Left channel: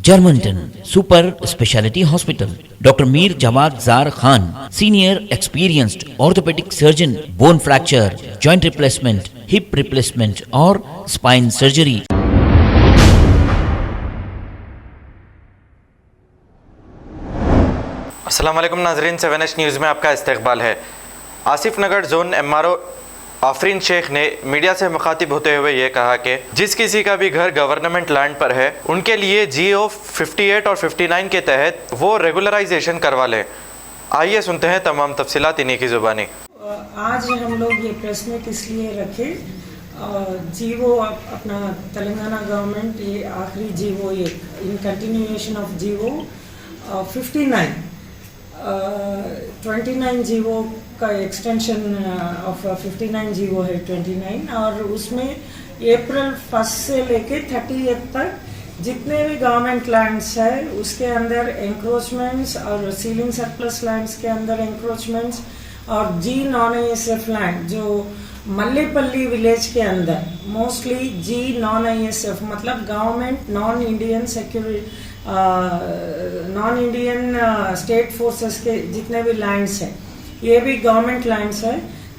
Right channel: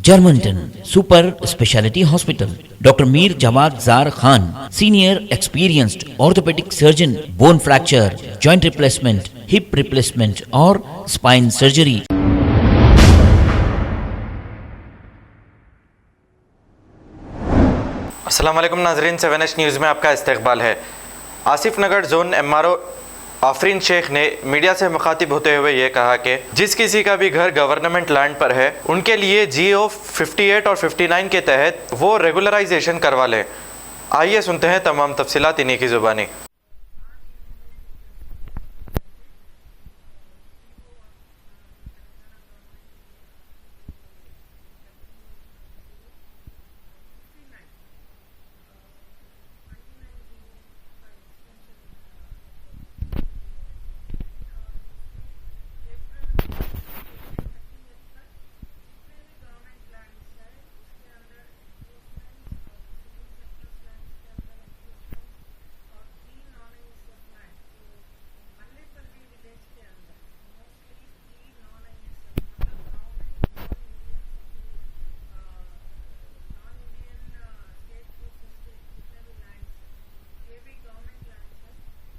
Germantown Super Speciality Hospital. Dr. Mir Jawad Zar Khan, Senior Experienced Orthopedic Surgeon, Bone Fracture, Joint Replacement, Hip Replacement और Spine Surgery. अस्सलाम वालेकुम नाजरीन, 7H news में आपका इस्तकबाल है। आसिफ नगर जोन MRO आफरीन शेख ने मीडिया से मुखातिब होते हुए ये कहा कि जिस किसी का भी घर गवर्नमेंट लैंड पर है उनके लिए GO 58 और 59 के तहत वो रेगुलराइजेशन करवा लें। आइए सुनते हैं तमाम तफसीलात इन्हीं की ज़ुबानी। आज हम लोग ये प्रेस मीट इसलिए रखे, GO अपना तेलंगाना गवर्नमेंट ये आखिरी GO ये in continuation of GO 59 29 GO का एक्सटेंशन ऑफ 59 GO है 29, और उसमें अप्रैल 1 से लेके 30 तक जितने भी गवर्नमेंट लैंड्स है उसके अंदर एंक्रोचमेंट्स और सीलिंग सरप्लस लैंड्स के अंदर एंक्रोचमेंट्स और G नॉन ISF लैंड जो मल्लेपल्ली विलेज के अंदर मोस्टली G नॉन ISF मतलब government non Indian security non Indian state forces के जितने भी लैंड्स हैं ये भी गवर्नमेंट लैंड्स है।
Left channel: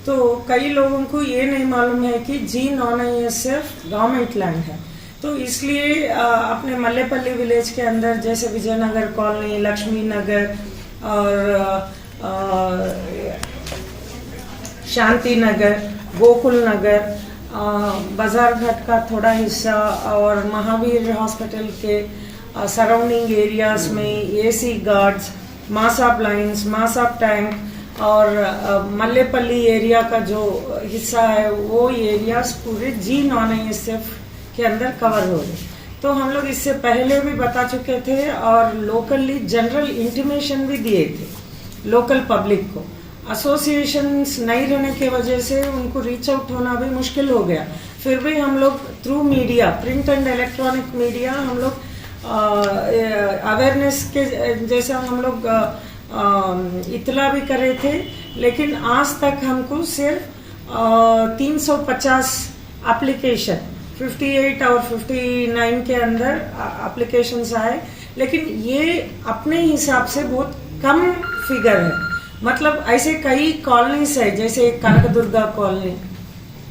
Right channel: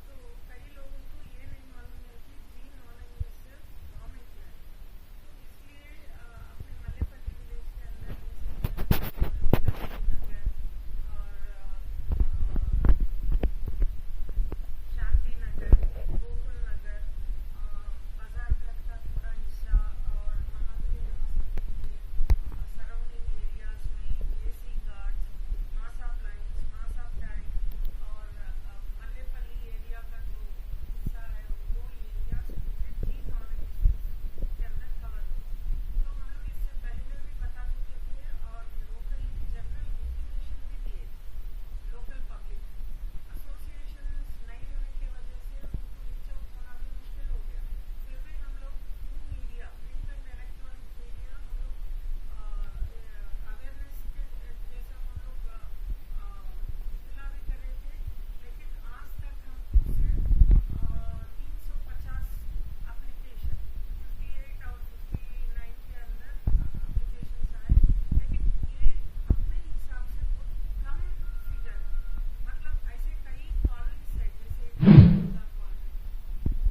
तो कई लोगों को ये नहीं मालूम है कि G non ISF government land है। तो इसलिए अपने मल्लेपल्ली विलेज के अंदर जैसे विजयनगर कॉलोनी, लक्ष्मी नगर और शांति नगर, गोकुल नगर, बाजार घाट का थोड़ा हिस्सा और महावीर हॉस्पिटल के सराउंडिंग एरियाज में AC गार्ड्स, मासाब लाइन्स, मासाब टैंक और मल्लेपल्ली एरिया का जो हिस्सा है वो एरियाज पूरे G नॉन ISF के अंदर कवर हो गए। तो हम लोग इससे पहले भी बता चुके थे और लोकली जनरल इंटीमेशन भी दिए थे लोकल पब्लिक को। एसोसिएशंस नहीं रहने की वजह से उनको रीच आउट होना भी मुश्किल हो गया। फिर भी हम लोग through media, print and electronic media, हम लोग अवेयरनेस के जैसा हम लोग इतला भी करे थे, लेकिन आज तक हमको सिर्फ 350 एप्लीकेशन 58 और 59 के अंदर एप्लीकेशंस आए, लेकिन ये अपने हिसाब से बहुत कम फिगर है। मतलब ऐसे कई कॉलोनीज है जैसे कनकदुर्गा कॉलोनी,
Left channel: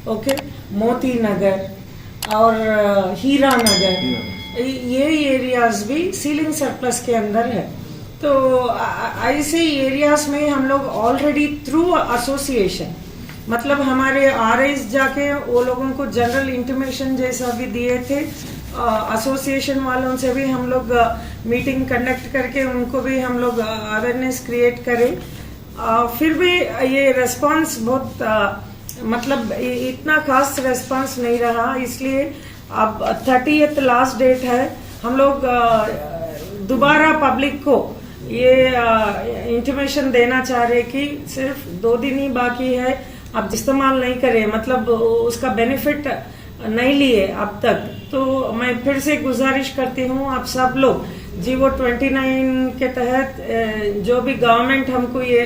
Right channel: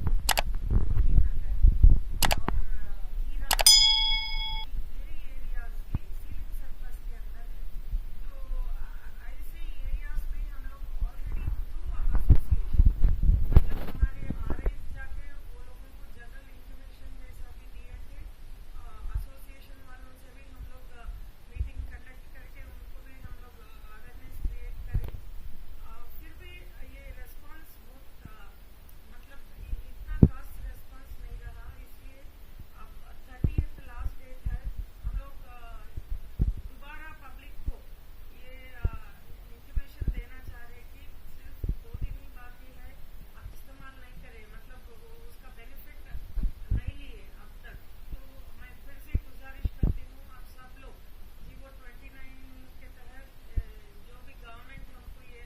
ओके, मोती नगर और हीरा नगर, ये एरियाज भी सीलिंग सरप्लस के अंदर है। तो ऐसे एरियाज में हम लोग ऑलरेडी थ्रू एसोसिएशन मतलब हमारे RIs जाके वो लोगों को जनरल इंटीमेशन जैसा भी दिए थे। एसोसिएशन वालों से भी हम लोग मीटिंग कंडक्ट करके उनको भी हम लोग अवेयरनेस क्रिएट करें। फिर भी ये रेस्पॉन्स बहुत मतलब इतना खास रेस्पॉन्स नहीं रहा, इसलिए अब 30th लास्ट डेट है। हम लोग दोबारा पब्लिक को ये इंटीमेशन देना चाह रहे कि सिर्फ 2 दिन ही बाकी है, अब इस्तेमाल नहीं करें, मतलब उसका बेनिफिट नहीं लिए अब तक। तो मैं फिर से गुजारिश करती हूँ आप सब लोग GO 29 के तहत जो भी गवर्नमेंट हमको ये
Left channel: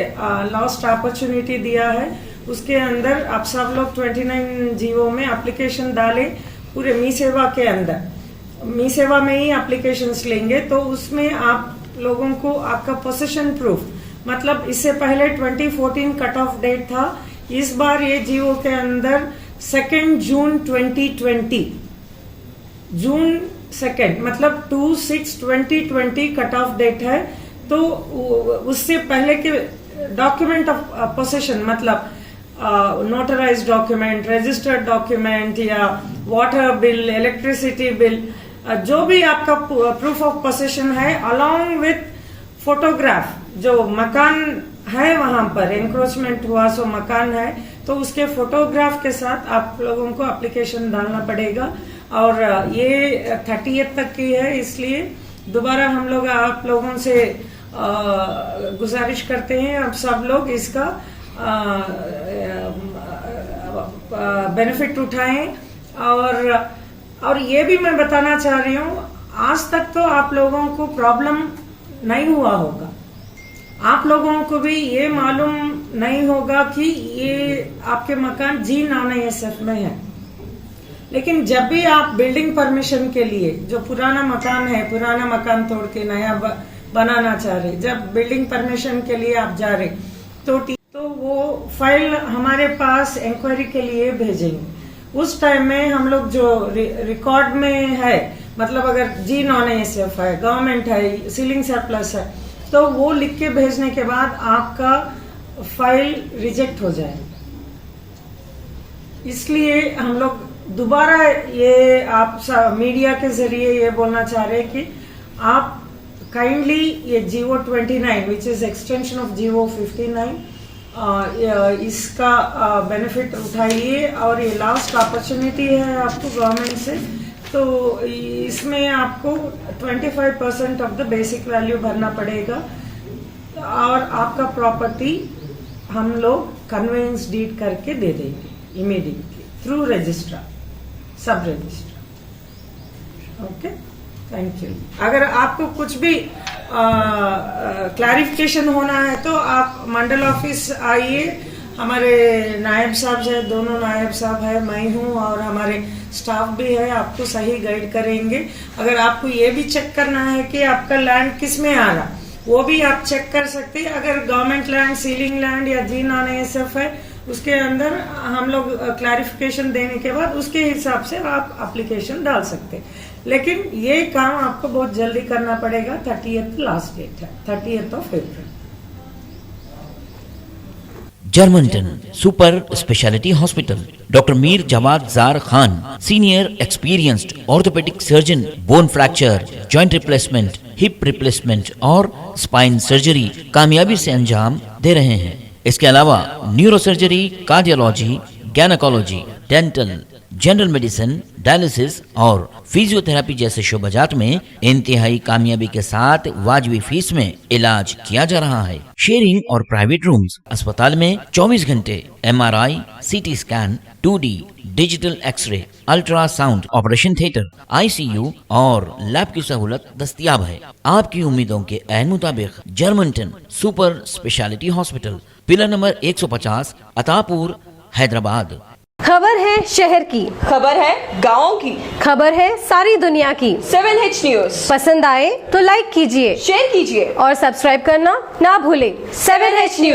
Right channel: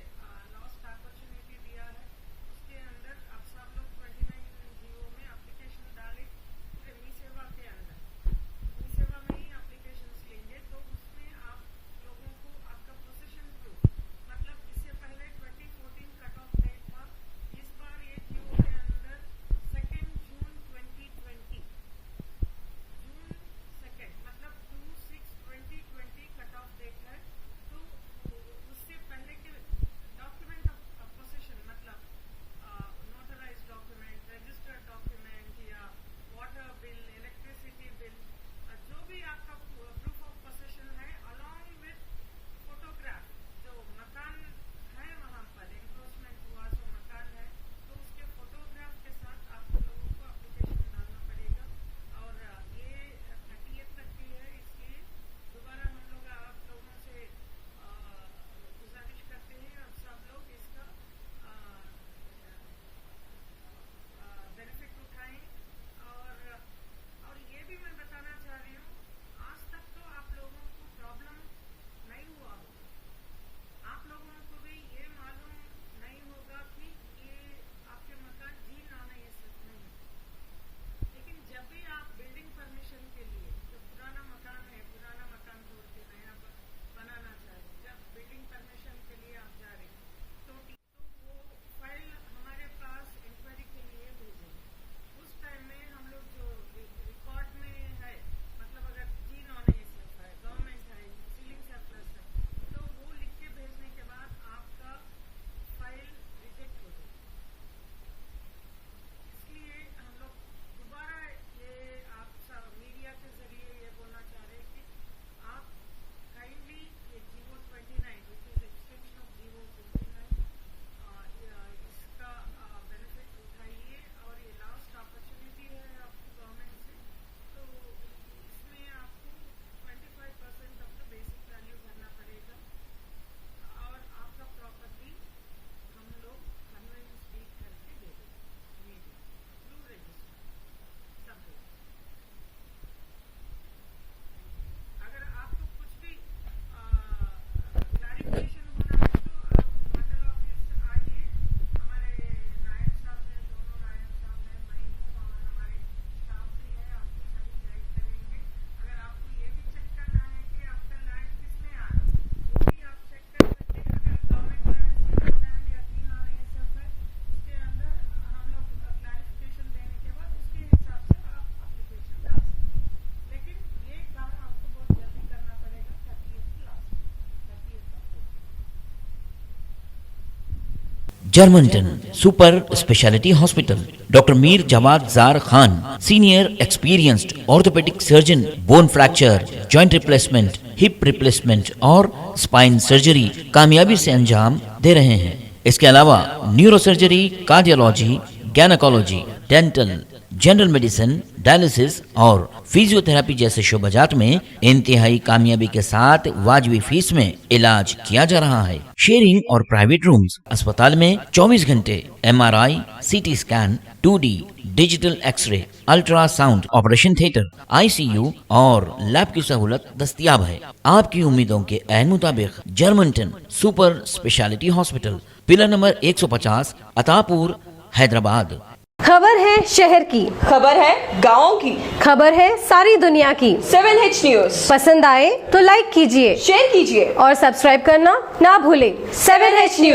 लास्ट अपॉर्चुनिटी दिया है उसके अंदर आप सब लोग 29 GO में एप्लीकेशन डालें। पूरे मी सेवा के अंदर, मी सेवा में ही एप्लीकेशंस लेंगे तो उसमें आप लोगों को आपका पोजीशन प्रूफ, मतलब इससे पहले 2014 कट ऑफ डेट था, इस बार ये GO के अंदर 2 जून 2020 जून 2 मतलब 2/6/2020 कट ऑफ डेट है। तो उससे पहले के डॉक्यूमेंट ऑफ पोजीशन मतलब नोटराइज डॉक्यूमेंट, रजिस्टर्ड डॉक्यूमेंट या वाटर बिल, इलेक्ट्रिसिटी बिल, जो भी आपका प्रूफ ऑफ पोजीशन है अलोंग विथ फोटोग्राफ, जो मकान है वहां पर एंक्रोचमेंट हुआ सो मकान है तो उसके फोटोग्राफ के साथ आप लोगों को एप्लीकेशन डालना पड़ेगा। और ये 30th तक की है, इसलिए दोबारा हम लोग आप लोगों से गुजारिश करते हैं आप सब लोग इसका बेनिफिट उठाएं। और ये भी मैं बताना चाह रही हूँ, आज तक तो आप लोगों को प्रॉब्लम नहीं हुआ होगा, आप लोगों को भी ये मालूम नहीं होगा कि ये आपके मकान G नॉन ISF में है, लेकिन जब भी आप बिल्डिंग परमिशन के लिए, जो पुराना मकान है, पुराना मकान तोड़ के नया बनाना चाह रहे, जब बिल्डिंग परमिशन के लिए आप जा रहे तो वो फाइल हमारे पास इंक्वायरी के लिए भेजेंगे। उस टाइम में हम लोग जो रिकॉर्ड में है, मतलब अगर जी नॉन एएसएफ है, गवर्नमेंट है, सीलिंग सरप्लस है, तो वो लिख के भेजने के बाद आपका फाइल रिजेक्ट हो जाए। इसलिए हम लोग दोबारा ये आप मीडिया के जरिए ये बोलना चाह रहे हैं कि आप काइंडली ये GO 29 which is extension of GO 59 इसका बेनिफिट उठाइए, और ये लास्ट अपॉर्चुनिटी है आपको गवर्नमेंट से। तो इसमें आपको 25% ऑफ द बेसिक वैल्यू भरना पड़ेगा, और आपका प्रॉपर्टी हम लोग कन्वेंस डीड करके दे देंगे इमीडिएटली थ्रू रजिस्ट्रार, सब रजिस्ट्रार। Okay, thank you. अगर आपको कुछ भी क्लैरिफिकेशन होना है तो आप मंडल ऑफिस आइए, हमारे नायब साहब है, दोनों नायब साहब है, मैं हूँ और हमारे स्टाफ भी है, आपको सही गाइड करेंगे। अगर आपको ये भी चेक करना है कि आपका लैंड किस में आ रहा, वो भी आप चेक कर सकते हैं। अगर गवर्नमेंट लैंड, सीलिंग लैंड या जी नॉन एएसएफ है, उसके अंदर हम लोग क्लैरिफिकेशन देने के बाद उसके हिसाब से आप एप्लीकेशन डाल सकते हैं। लेकिन ये काम आपको बहुत जल्दी करना पड़ेगा। 30th लास्ट डेट है, 30th of April। Germanton super speciality hospital, doctor Mir Jamaat jar Khan, senior experienced orthopaedic surgeon, bone fracture, joint replacement, hip replacement और स्पाइन सर्जरी कामयाबी से अंजाम दे रहे हैं। इसके अलावा neuro surgery, cardiology, gynaecology, dental, general medicine, dialysis और फिजियोथेरेपी जैसे शोबाजात में इंतहाई कामयाबी के साथ वाजिबी फीस में इलाज किया जा रहा है। शेयरिंग और प्राइवेट रूम्स, अस्पताल में 24 घंटे MRI, CT scan, 2D digital x-ray, ultrasound, operation theatre, ICU और लैब की सहूलत दस्तयाब है। आपकी उम्मीदों के ऐन मुताबिक Germanten super speciality hospital, pillar number 150, Attapur, Hyderabad. खबर है शहर की, खबर है गाँव की, खबर है सारी दुनिया की। 7H न्यूज पसंद आए तो लाइक कीजिए, शेयर कीजिए और सब्सक्राइब करना ना भूलें। 7H news.